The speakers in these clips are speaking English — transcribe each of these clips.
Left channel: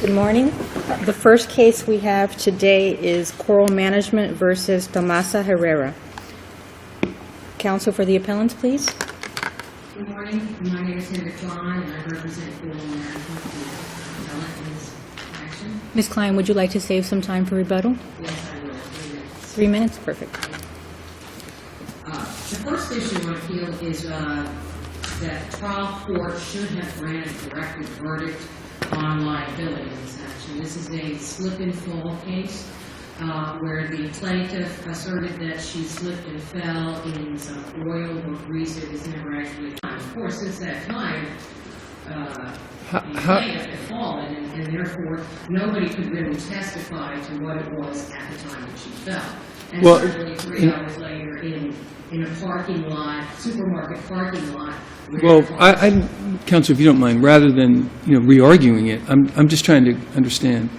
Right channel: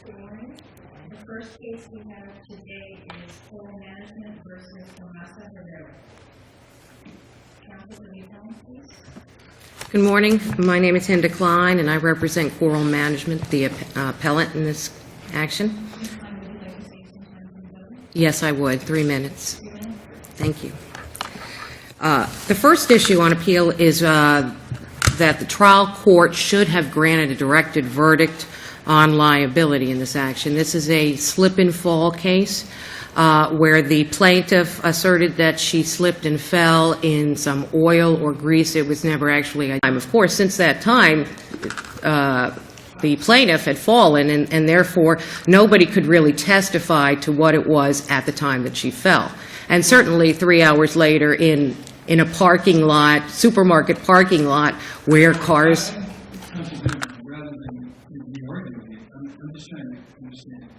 Good morning. The first case we have today is Coral Management versus Tomasa Herrera. Counsel for the appellants, please. Good morning. My name is Hinda Klein, and I represent Coral Management, the appellant in this action. Ms. Klein, would you like to save some time for rebuttal? Yes, I would. 3 minutes. 3 minutes? Perfect. Thank you. The first issue on appeal is that the trial court should have granted a directed verdict on liability in this action. This is a slip-and-fall case where the plaintiff asserted that she slipped and fell in some oil or grease. It was never actually a time. Of course, since that time, the plaintiff had fallen, and therefore nobody could really testify to what it was at the time that she fell. And certainly 3 hours later in a parking lot, supermarket parking lot, where cars... Counsel, if you don't mind, rather than re-arguing it, I'm just trying to understand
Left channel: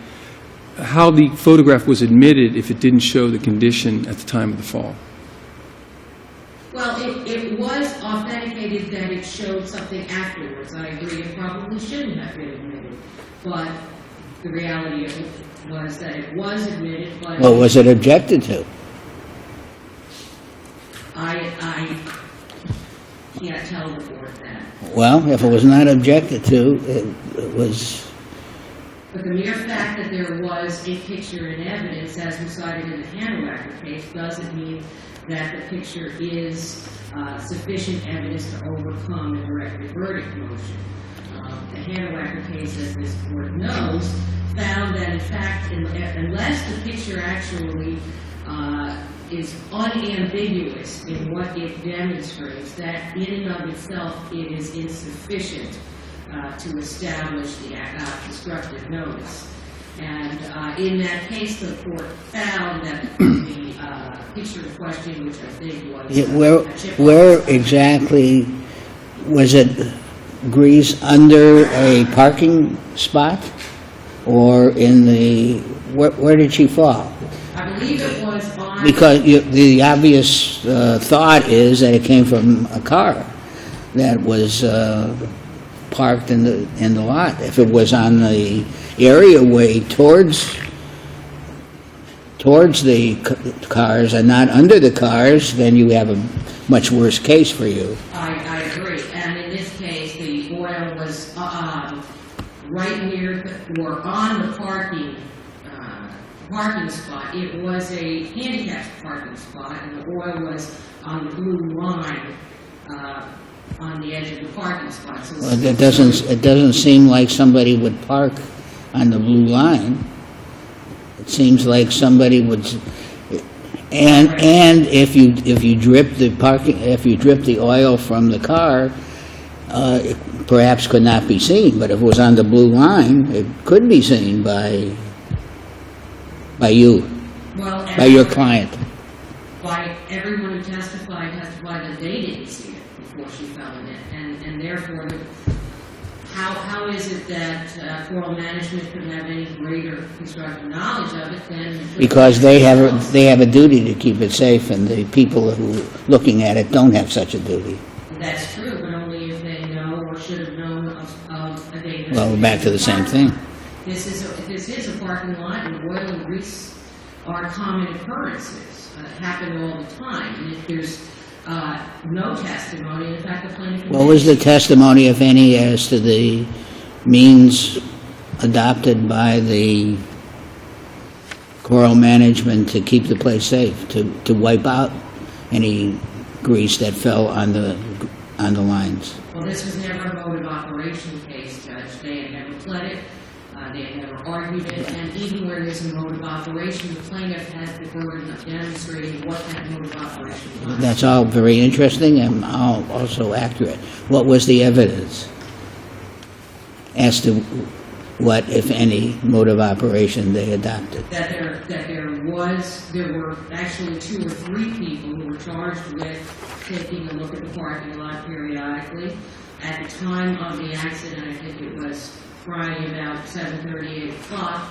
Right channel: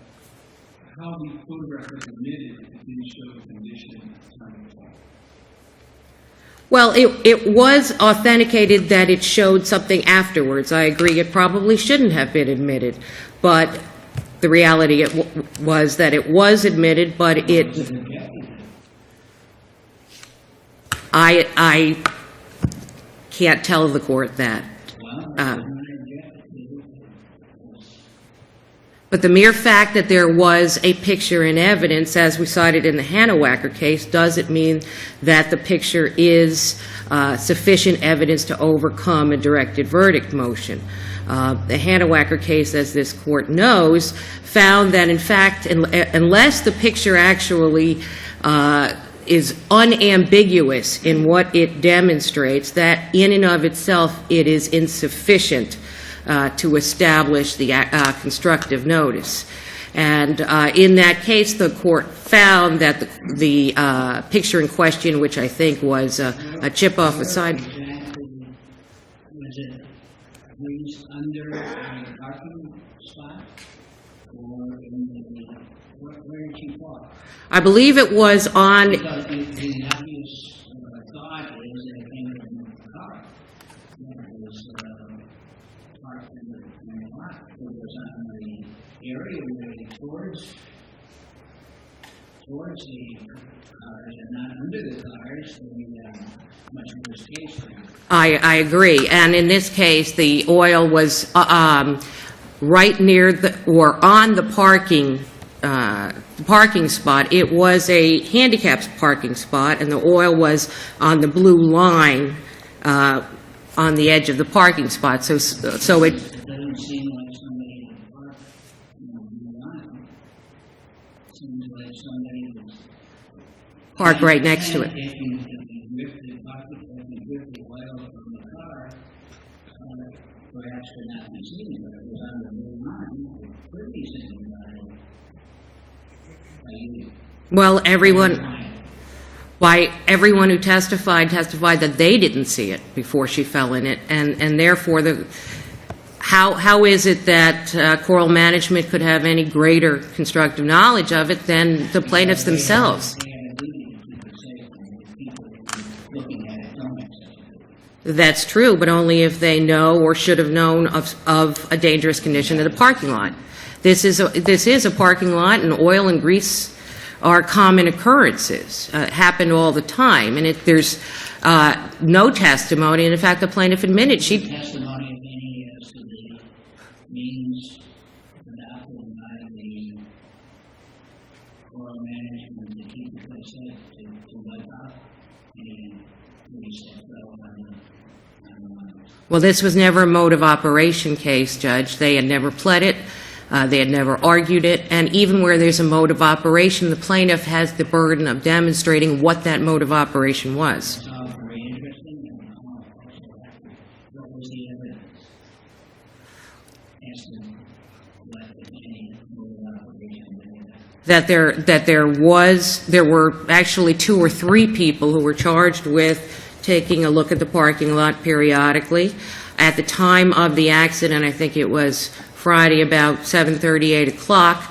how the photograph was admitted if it didn't show the condition at the time of the fall. Well, it was authenticated that it showed something afterwards. I agree it probably shouldn't have been admitted, but the reality was that it was admitted, but well, was it objected to? I can't tell the court that. Well, if it was not objected to, it was... But the mere fact that there was a picture in evidence, as we cited in the Hannawacker case, doesn't mean that the picture is sufficient evidence to overcome a directed verdict motion. The Hannawacker case, as this court knows, found that, in fact, unless the picture actually is unambiguous in what it demonstrates, that in and of itself it is insufficient to establish the constructive notice. And in that case, the court found that the picture in question, which I think was a chip off the sign. Where exactly was it? Grease under a parking spot, or in the where did she fall? I believe it was on... Because the obvious thought is that it came from a car that was parked in the lot. If it was on the areaway towards the cars and not under the cars, then you have a much worse case for you. I agree. And in this case, the oil was right near or on the parking spot. It was a handicapped parking spot, and the oil was on the blue line on the edge of the parking spot. So, it doesn't seem like somebody would park on the blue line. It seems like somebody would. And right next to it. if you drip the oil from the car, it perhaps could not be seen. But if it was on the blue line, it could be seen by you. Well, by your client. By everyone who testified that they didn't see it before she fell in it, and therefore how is it that Coral Management could have any greater constructive knowledge of it than the plaintiffs themselves? Because they have a duty to keep it safe, and the people who are looking at it don't have such a duty. That's true, but only if they know or should have known of a dangerous condition in the parking lot. This is a parking lot, and oil and grease are common occurrences. Happened all the time, and there's no testimony. And in fact, the plaintiff admitted what was the testimony, if any, as to the means adopted by the Coral Management to keep the place safe, to wipe out any grease that fell on the lines? Well, this was never a mode of operation case, Judge. They had never pled it. They had never argued it, and even where there's a mode of operation, the plaintiff has the burden of demonstrating what that mode of operation was. That's all very interesting and all also accurate. What was the evidence as to what, if any, mode of operation they adopted? That there were actually 2 or 3 people who were charged with taking a look at the parking lot periodically. At the time of the accident, I think it was Friday about 7:30, 8 o'clock.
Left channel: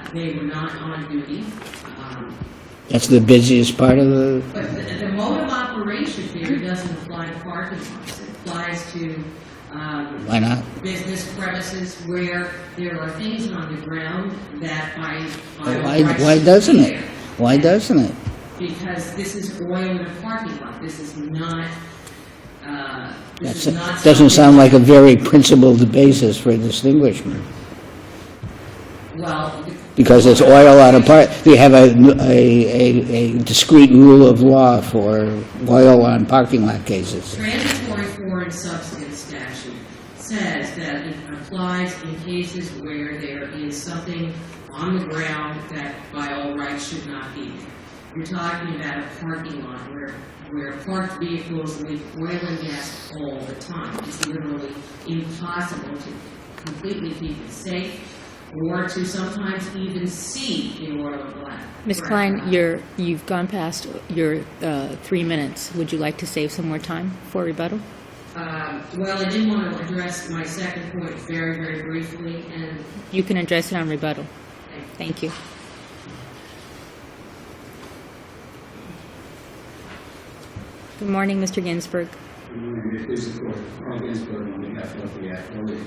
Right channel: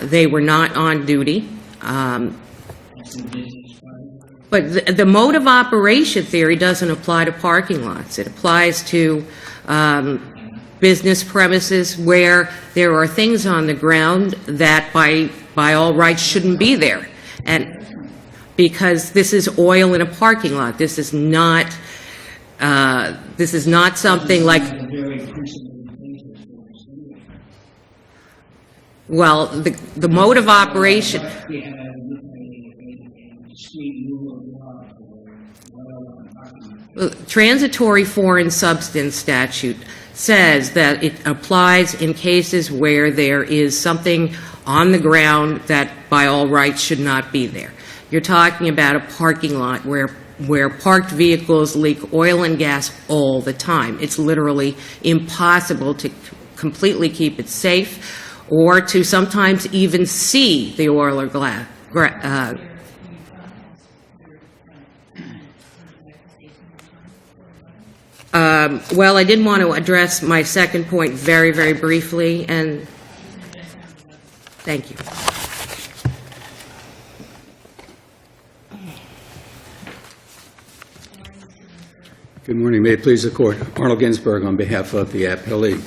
They were not on duty. That's the busiest part of the, But the mode of operation theory doesn't apply to parking lots. It applies to why not? business premises where there are things on the ground that by all Why- rights why shouldn't be doesn't it? there. Why And- doesn't it? Because this is oil in a parking lot. This is not, something Doesn't sound like a very principled basis for distinguishment. well, the Because mode it's of oil on a operation. part, we have a discrete rule of law for oil on parking lot cases. Transitory foreign substance statute says that it applies in cases where there is something on the ground that by all rights should not be there. You're talking about a parking lot where parked vehicles leak oil and gas all the time. It's literally impossible to completely keep it safe or to sometimes even see the oil or glass. Ms. Klein, you've gone past your 3 minutes. Would you like to save some more time for rebuttal? Well, I did want to address my second point very, very briefly, and You can address it on rebuttal. thank you. Thank you. Good morning, Mr. Ginsburg. Good morning. May it please the Court. Arnold Ginsberg on behalf of the Appellee.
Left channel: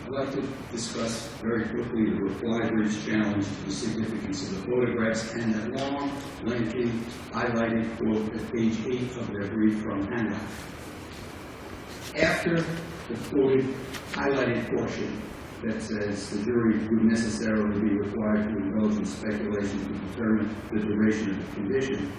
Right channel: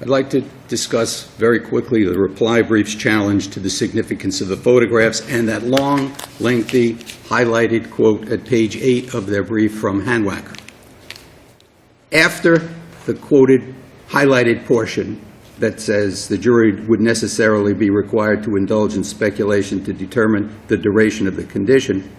I'd like to discuss very quickly the reply brief's challenge to the significance of the photographs and that long, lengthy, highlighted quote at page 8 of their brief from Hanwacker. After the quoted, highlighted portion that says the jury would necessarily be required to indulge in speculation to determine the duration of the condition,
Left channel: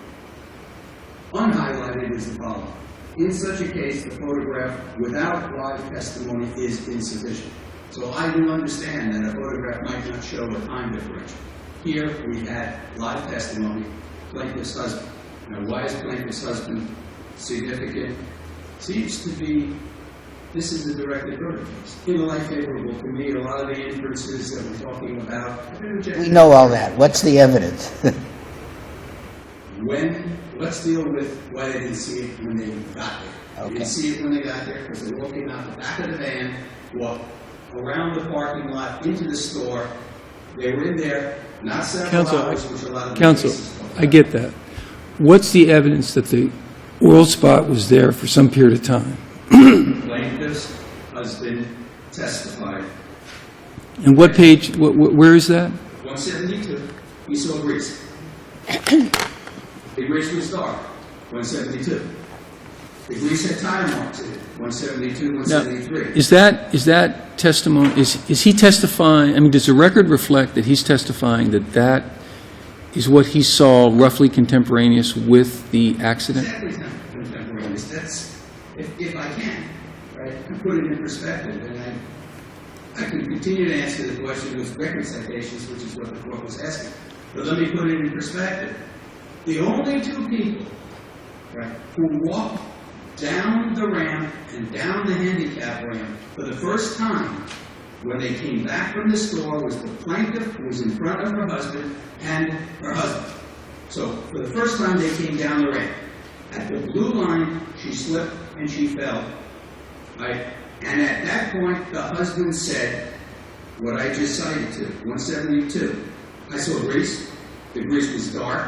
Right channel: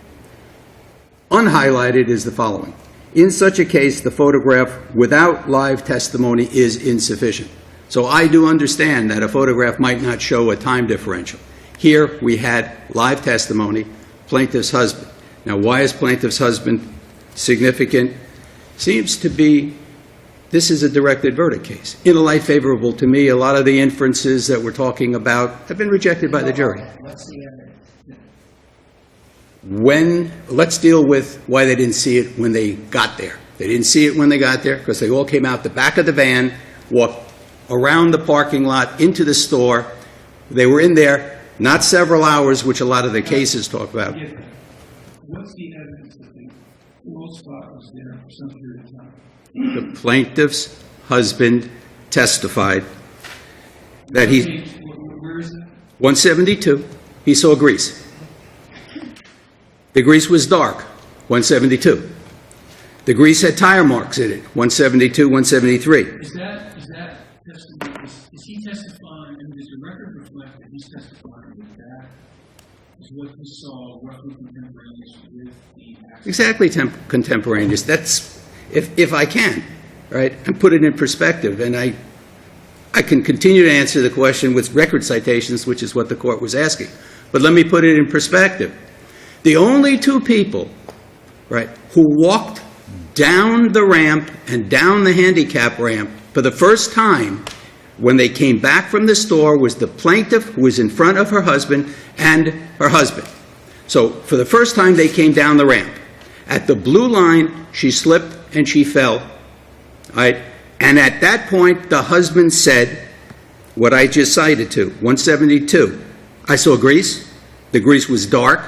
unhighlighted is the following. In such a case, the photograph without live testimony is insufficient. So I do understand that a photograph might not show a time differential. Here we had live testimony, plaintiff's husband. Now, why is plaintiff's husband significant? Seems to be this is a directed verdict case. In a light favorable to me, a lot of the inferences that we're talking about have been rejected by the Know jury. all that. What's the evidence? Let's deal with why they didn't see it when they got there. They didn't see it when they got there because they all came out the back of the van, walked around the parking lot into the store. They were in there not several hours, which a lot of the Counsel, cases talk about. I get that. What's the evidence that the oil spot was there for some period of time? Plaintiff's husband testified. And That what he- page, where is that? 172, he saw grease. The grease was dark, 172. The grease had tire marks in it, 172, 173. Is that testimony, is he testifying, I mean, does the record reflect that he's testifying that that is what he saw roughly contemporaneous with the accident? Exactly contemporaneous. That's, if I can, right, and put it in perspective. And I can continue to answer the question with record citations, which is what the court was asking. But let me put it in perspective. The only two people, right, who walked down the ramp and down the handicap ramp for the first time when they came back from the store was the plaintiff, who was in front of her husband, and her husband. So for the first time, they came down the ramp. At the blue line, she slipped and she fell. Right? And at that point, the husband said what I just cited to, 172. I saw grease. The grease was dark.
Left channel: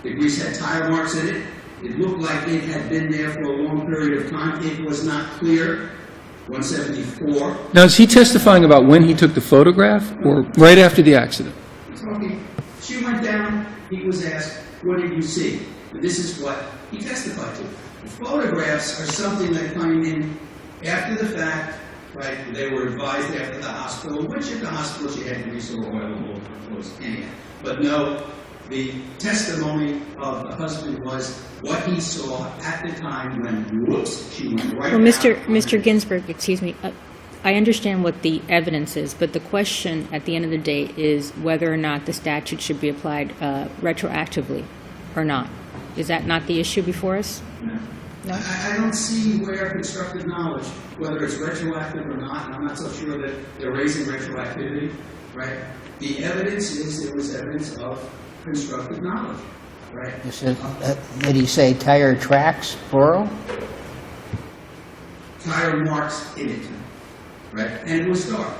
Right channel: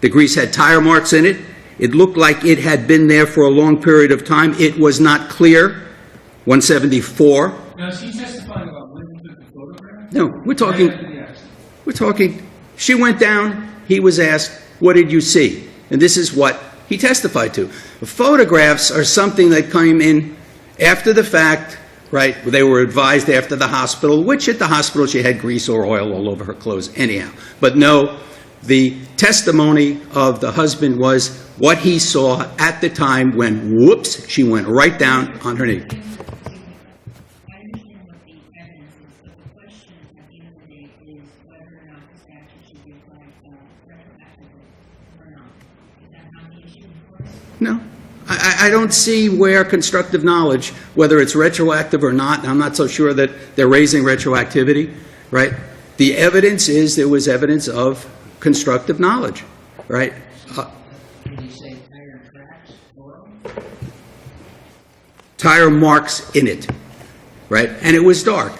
The grease had tire marks in it. It looked like it had been there for a long period of time. It was not clear. 174. Now, is he testifying about when he took the photograph? No, Or we're right talking- after the accident? We're talking, she went down, he was asked, what did you see? And this is what he testified to. The photographs are something that came in after the fact, right? They were advised after the hospital, which at the hospital she had grease or oil all over her clothes anyhow. But no, the testimony of the husband was what he saw at the time when, whoops, she went right Well, down Mr. on her knee. Ginsburg, excuse me, I understand what the evidence is, but the question at the end of the day is whether or not the statute should be applied retroactively or not. Is that not the issue before us? No. I don't see where constructive knowledge, whether it's retroactive or not, I'm not so sure that they're raising retroactivity, right? The evidence is there was evidence of constructive knowledge, right? Did he say tire tracks, plural? Tire marks in it, right? And it was dark.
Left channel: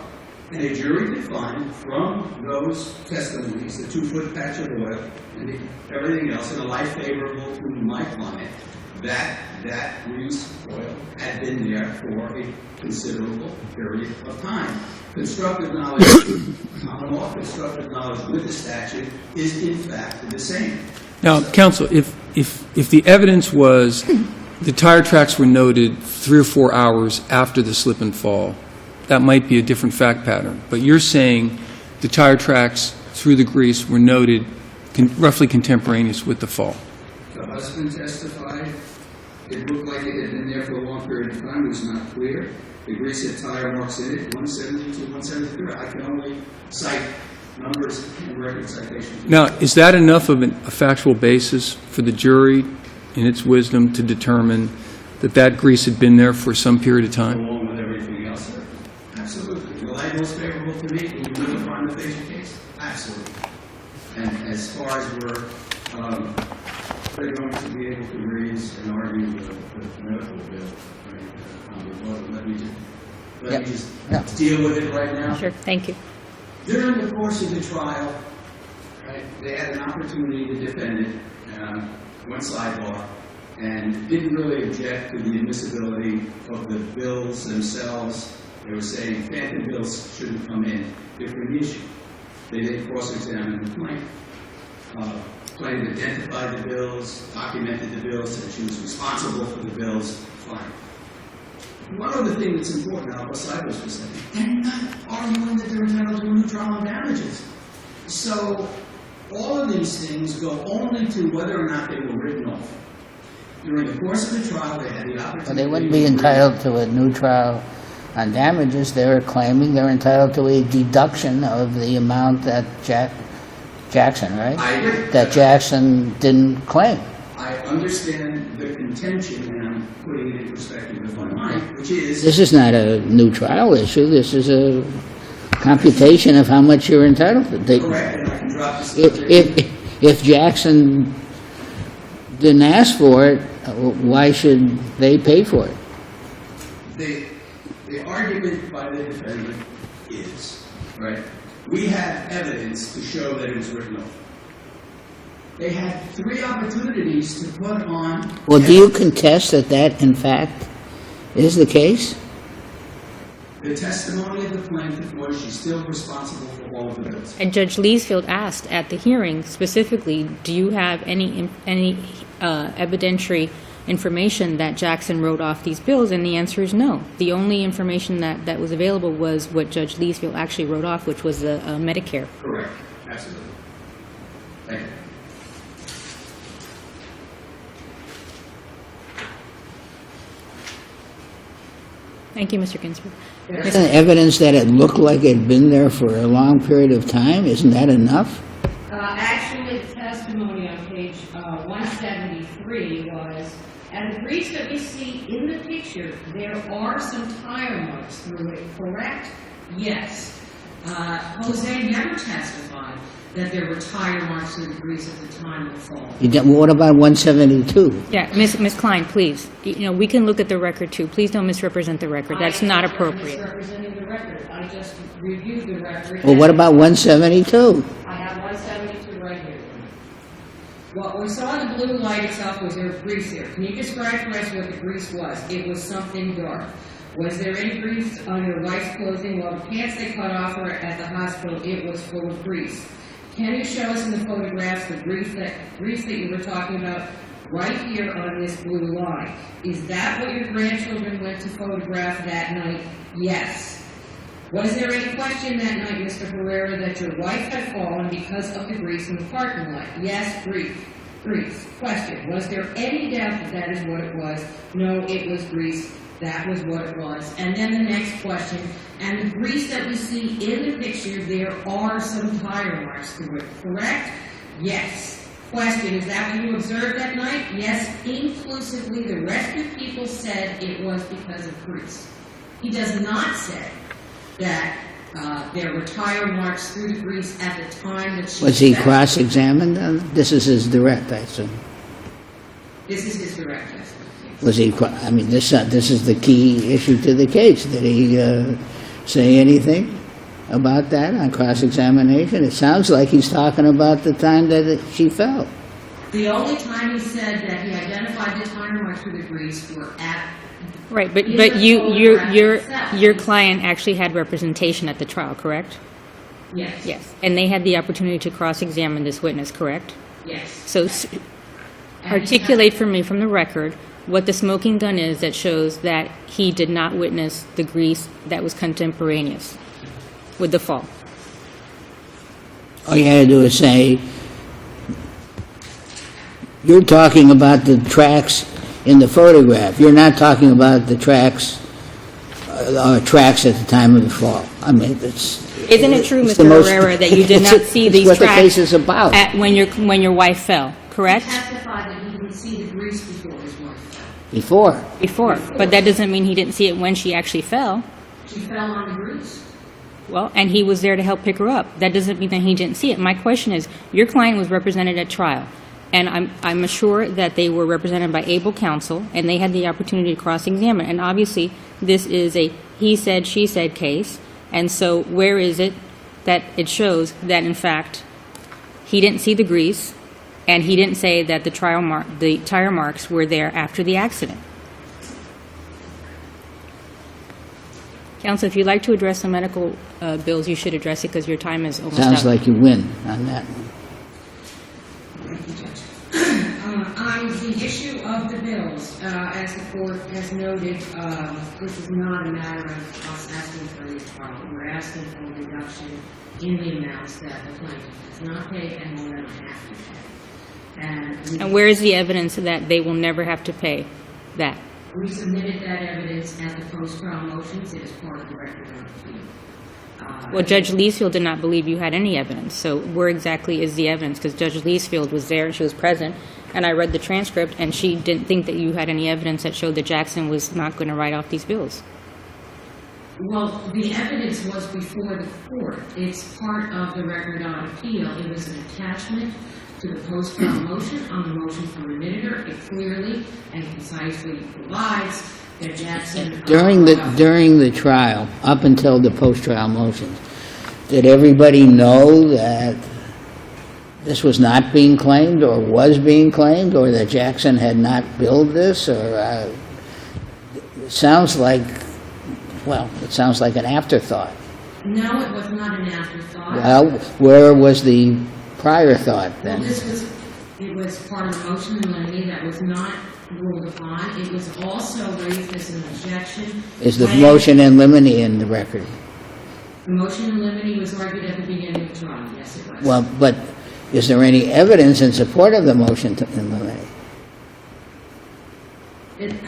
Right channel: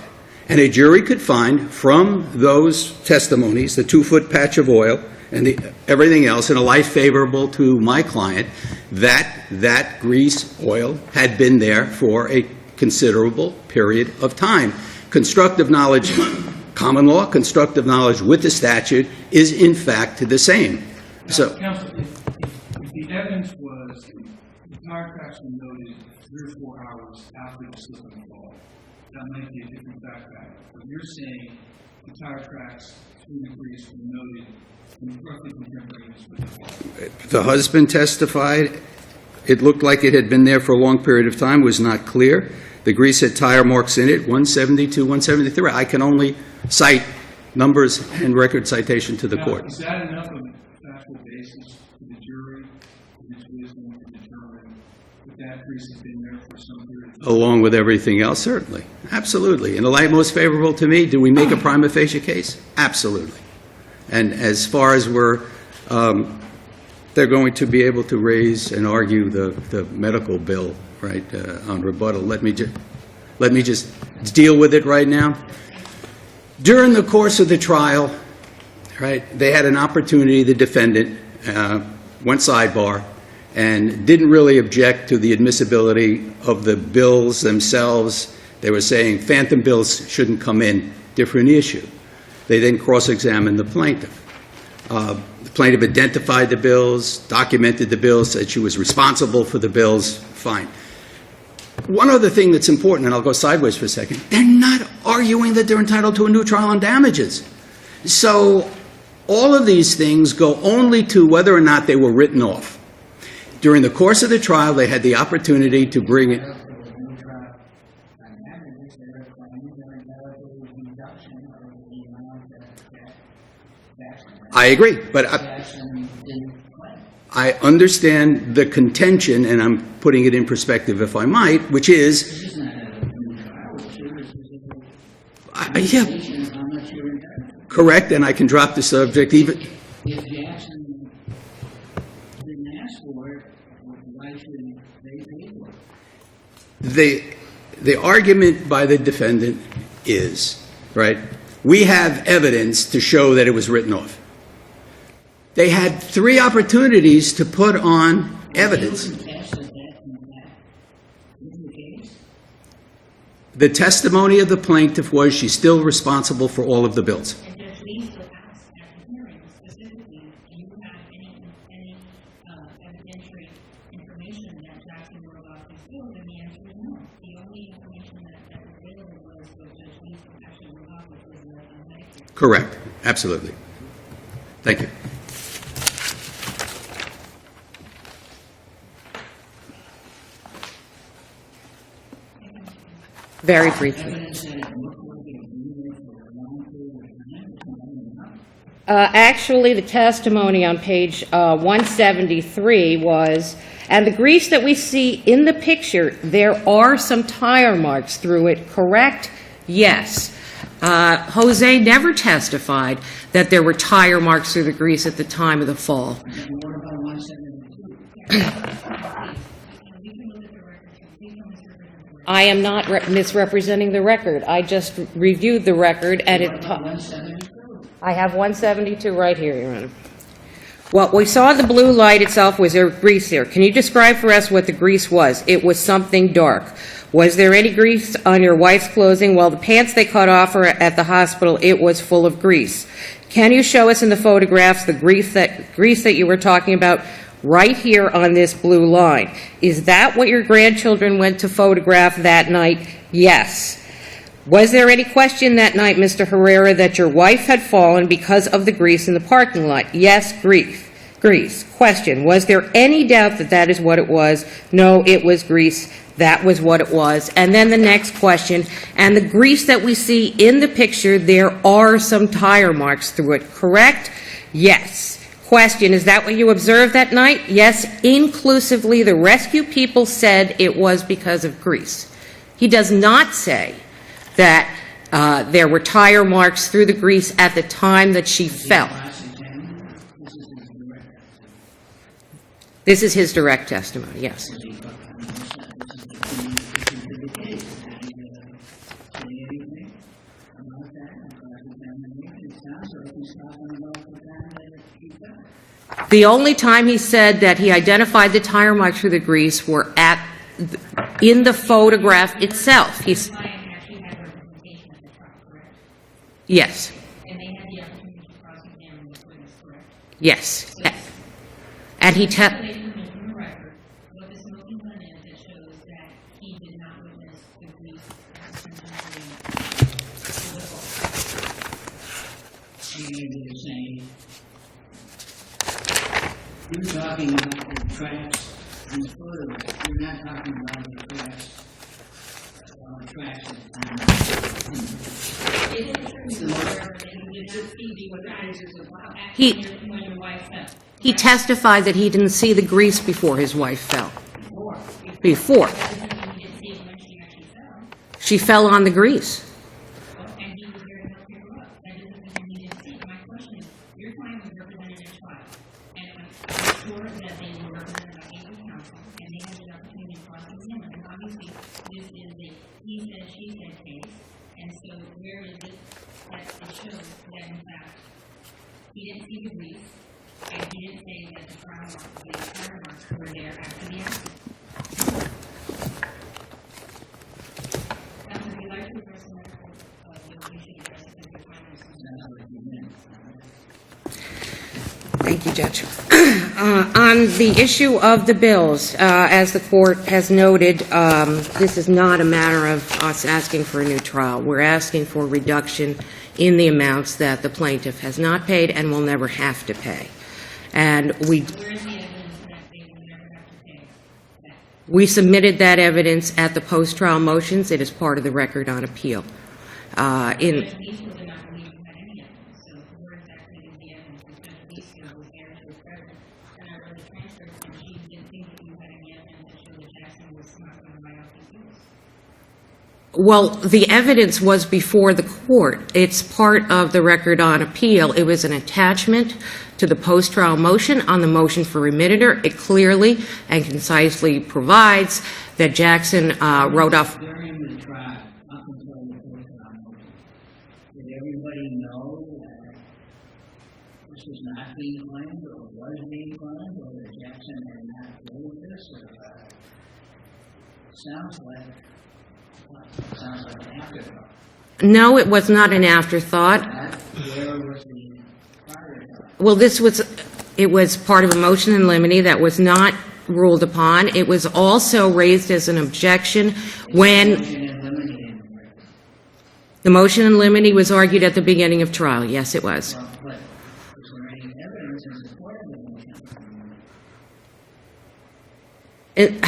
And a jury could find from those testimonies, the 2-foot patch of oil, and everything else in a light favorable to my client, that grease oil had been there for a considerable period of time. Constructive knowledge, common law, constructive knowledge with the statute is in fact the same. Now, So- counsel, if the evidence was the tire tracks were noted 3 or 4 hours after the slip and fall, that might be a different fact pattern. But you're saying the tire tracks through the grease were noted roughly contemporaneous with the fall. The husband testified, it looked like it had been there for a long period of time, was not clear. The grease had tire marks in it, 172, 173. I can only cite numbers and record citation to the Now, court. is that enough of a factual basis for the jury, in its wisdom, to determine that that grease had been there for some period of time? Along with everything else, certainly. Absolutely. In the light most favorable to me, do we make a prima facie case? Absolutely. And as far as they're going to be able to raise and argue the medical bill, right, on rebuttal, let me just deal with it right now. Sure, thank you. During the course of the trial, right, they had an opportunity, the defendant went sidebar and didn't really object to the admissibility of the bills themselves. They were saying phantom bills shouldn't come in, different issue. They then cross-examined the plaintiff. The plaintiff identified the bills, documented the bills, said she was responsible for the bills, fine. One other thing that's important, and I'll go sideways for a second, they're not arguing that they're entitled to a new trial on damages. So all of these things go only to whether or not they were written off. During the course of the trial, they had the They opportunity wouldn't be to bring... entitled to a new trial on damages. They're claiming they're entitled to a deduction of the amount that Jackson, right? I agree, That but Jackson didn't claim. I understand the contention, and I'm putting it in perspective if I might, which is, This is not a new trial issue. This is a computation of how much you're entitled to. correct, and I can drop the subject even... If Jackson didn't ask for it, why should they pay for it? The argument by the defendant is, right, we have evidence to show that it was written off. They had 3 opportunities to put on Well, do you evidence. contest that that, in fact, is the case? The testimony of the plaintiff was she's still responsible for all of the bills. And Judge Leesfield asked at the hearing specifically, do you have any evidentiary information that Jackson wrote off these bills? And the answer is no. The only information that was available was what Judge Leesfield actually wrote off, which was the Medicare. Correct, absolutely. Thank you. Thank you, Mr. Ginsburg. Very Isn't evidence that it looked like it had been there for a long period of time, isn't that enough? Actually, the testimony on page 173 was, and the grease that we see in the picture, there are some tire marks through it, correct? Yes. Jose never testified that there were tire marks through the grease at the time of the fall. What about 172? Yeah, Ms. Klein, please. We can look at the record, too. Please don't misrepresent the record. I am That's not appropriate. misrepresenting the record. I just reviewed the record. Well, and what about 172? I have 172 right here, Your Honor. What we saw in the blue light itself was there grease here. Can you describe for us what the grease was? It was something dark. Was there any grease on your wife's clothing? Well, the pants they cut off her at the hospital, it was full of grease. Can you show us in the photographs the grease that you were talking about right here on this blue line? Is that what your grandchildren went to photograph that night? Yes. Was there any question that night, Mr. Herrera, that your wife had fallen because of the grease in the parking lot? Yes, grease. Question, was there any doubt that that is what it was? No, it was grease. That was what it was. And then the next question, and the grease that we see in the picture, there are some tire marks through it, correct? Yes. Question, is that what you observed that night? Yes, inclusively, the rescue people said it was because of grease. He does not say that there were tire marks through the grease at the time that she fell. Was he cross-examined on it? This is his direct, I assume. This is his direct testimony, yes. Was he, this is the key issue to the case. Did he say anything? about that on cross-examination? It sounds like he's talking about the time that she fell. The only time he said that he identified the tire marks for the grease were Right, in the photograph your itself. Your He's- client actually had representation at the trial, correct? Yes. Yes. And they had the opportunity to cross-examine this witness, correct? Yes. So And he articulate for me from the record what the smoking gun is that shows that he did not witness the grease that was contemporaneous with the fall. All you had to do is say, you're talking about the tracks in the photograph. You're not talking about the tracks at the time of the fall. I mean, it's... Isn't it true, it's the Mr. most- Herrera, that you did not see these It's what the tracks case is about. when your wife fell, He correct? testified that he didn't see the grease before his wife fell. Before. Before. Before. But that doesn't mean he didn't see it when she actually fell. She fell on the grease. Well, and he was there to help pick her up. That doesn't mean that he didn't see it. My question is, your client was represented at trial, and I'm sure that they were represented by able counsel, and they had the opportunity to cross-examine. And obviously, this is a he said, she said case, and so where is it that it shows that, in fact, he didn't see the grease, and he didn't say that the tire marks were there after the accident? Counsel, if you'd like to address the medical bills, you should address it because your time is almost up. Sounds like you win on that one. Thank you, Judge. On the issue of the bills, as the court has noted, this is not a matter of us asking for a new trial. We're asking for a reduction in the amounts that the plaintiff has not paid and will never have to pay. And where is the evidence that they will never have to pay that? we submitted that evidence at the post-trial motions. It is part of the record on appeal. Well, Judge Leesfield did not believe you had any evidence. So where exactly is the evidence? Because Judge Leesfield was there and she was present, and I read the transcript, and she didn't think that you had any evidence that showed that Jackson was not going to write off these bills. Well, the evidence was before the court. It's part of the record on appeal. It was an attachment to the post-trial motion on the motion for remitter. It clearly and concisely provides that Jackson wrote off. During the trial, up until the post-trial motions, did everybody know that this was not being claimed or was being claimed, or that Jackson had not billed this? Or it sounds like, well, it sounds like an afterthought. No, it was not an afterthought. Well, where was the prior thought? Well, it was part of a motion in limine that was not ruled upon. It was also raised as an objection Is when... the motion in limine in the record? The motion in limine was argued at the beginning of trial. Yes, it was. Well, but is there any evidence in support of the motion in limine?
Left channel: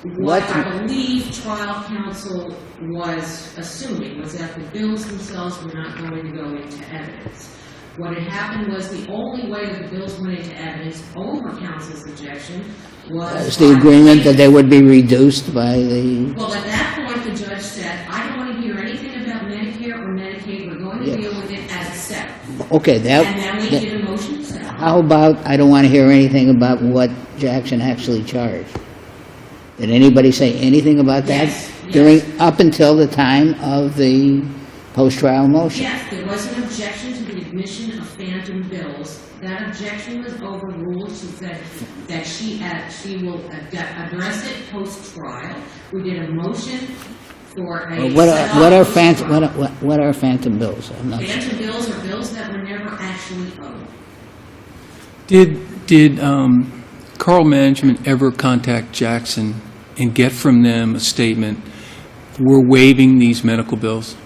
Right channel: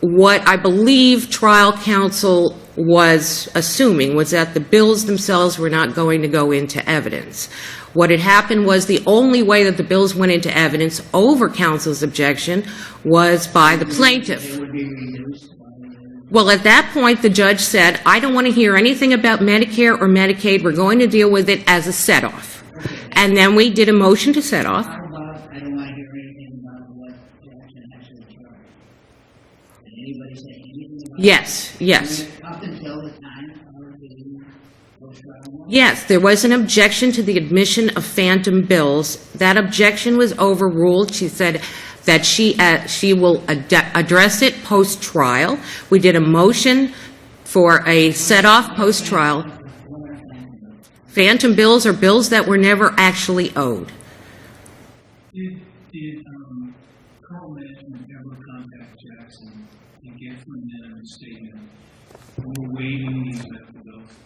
What I believe trial counsel was assuming was that the bills themselves were not going to go into evidence. What had happened was the only way that the bills went into evidence over counsel's objection was Is by the the agreement that they plaintiff. would be reduced by the... Well, at that point, the judge said, I don't want to hear anything about Medicare or Medicaid. We're going to deal with it as a set-off. Okay, that... And then we did a motion to set off. How about, I don't want to hear anything about what Jackson actually charged? Did anybody say anything about that? Yes, yes. Up until the time of the post-trial motion? Yes, there was an objection to the admission of phantom bills. That objection was overruled. She said that she will address it post-trial. We did a motion for a set-off post-trial. What are phantom bills? Phantom bills are bills that were never actually owed. Did Carl Management ever contact Jackson and get from them a statement, we're waiving these medical bills?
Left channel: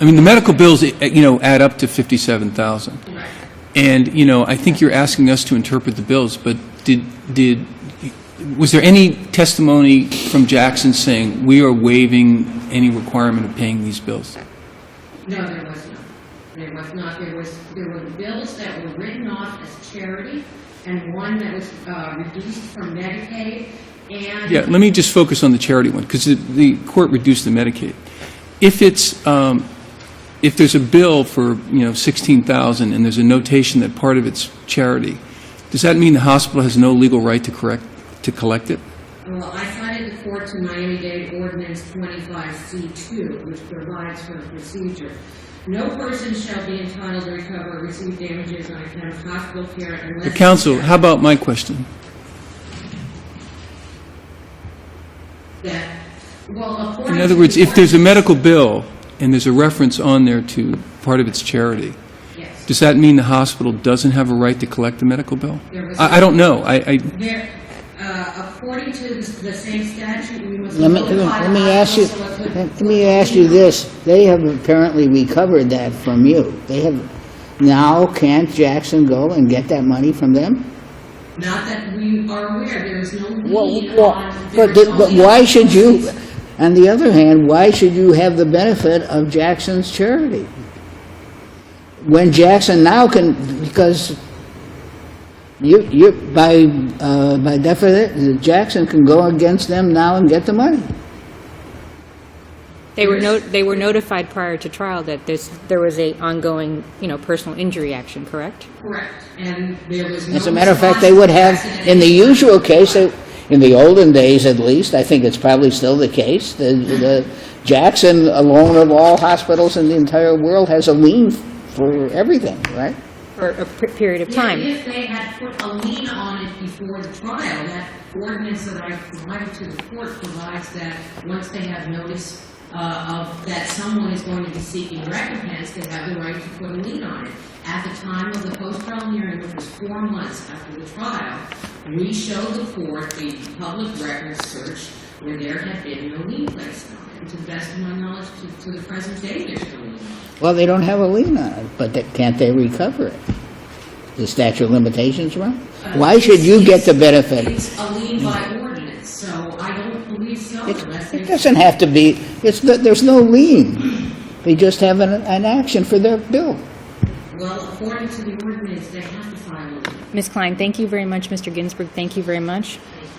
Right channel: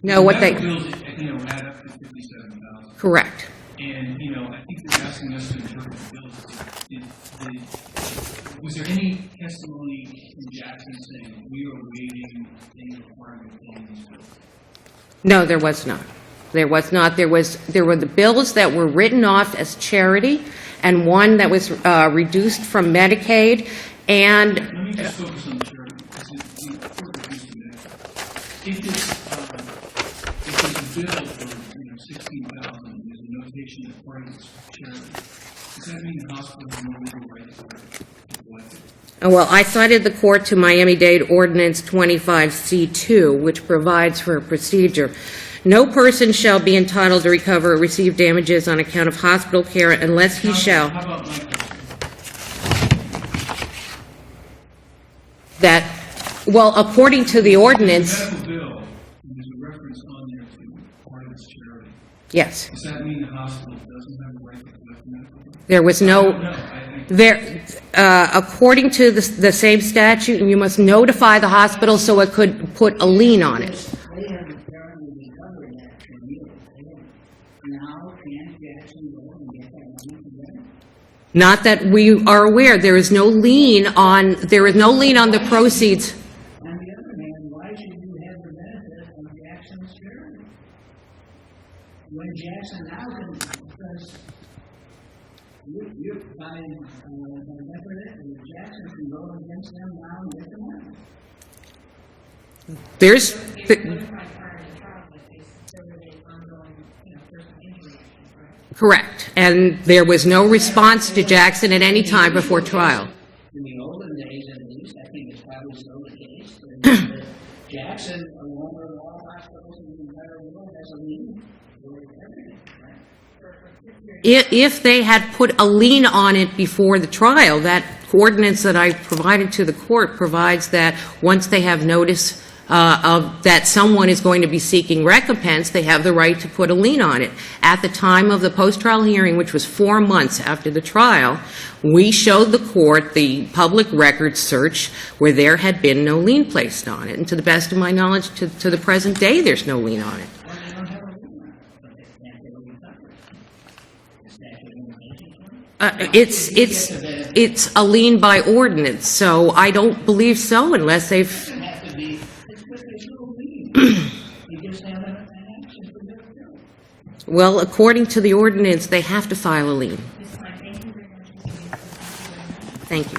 I mean, No, the what medical they- bills, add up to $57,000. Correct. And, I think you're asking us to interpret the bills, but was there any testimony from Jackson saying, we are waiving any requirement of paying these bills? No, there was not. There was not. There were the bills that were written off as charity, and one that was reduced from Medicaid, and... Yeah, let me just focus on the charity one, because the court reduced the Medicaid. If there's a bill for, $16,000 and there's a notation that part of it's charity, does that mean the hospital has no legal right to collect it? Well, I cited the court to Miami-Dade Ordinance 25C2, which provides for a procedure. No person shall be entitled to recover or receive damages on account of hospital care unless he Counsel, shall. how about my question? That, well, according In to other words, the if ordinance. there's a medical bill and there's a reference on there to part of its charity, Yes. does that mean the hospital doesn't have a right to collect the medical bill? There was I no. don't know. I According to the same statute, you must Let me- notify the let me ask hospital you- so it could put a Let me ask lien you on it. this. They have apparently recovered that from you. They have, now can't Jackson go and get that money from them? Not that we are aware, there is no lien Well, on, there is but- no but lien on why the should you- proceeds. On the other hand, why should you have the benefit of Jackson's charity? When Jackson now can, because by definition, Jackson can go against them now and get the money. They were notified prior to trial that there was a ongoing, personal injury action, correct? Correct, and there was no As a matter of response fact, they to would have, Jackson at in any the time usual before case, trial. in the olden days at least, I think it's probably still the case, the Jackson, alone of all hospitals in the entire world, has a lien for everything, right? For a period of time. If they had put a lien on it before the trial, that ordinance that I provided to the court provides that once they have notice that someone is going to be seeking recompense, they have the right to put a lien on it. At the time of the post-trial hearing, which was 4 months after the trial, we showed the court the public records search where there had been no lien placed on it. And to the best of my knowledge, to the present day, there's no lien on it. Well, they don't have a lien on it, but can't they recover it? The statute of limitations run? Why should you get the benefit? It's a lien by ordinance, so I don't believe so unless It they've... doesn't have to be, there's no lien. They just have an action for their bill. Well, according to the ordinance, they have to file a lien. Ms. Klein, thank you very much. Mr. Ginsburg, thank you very much. Thank you.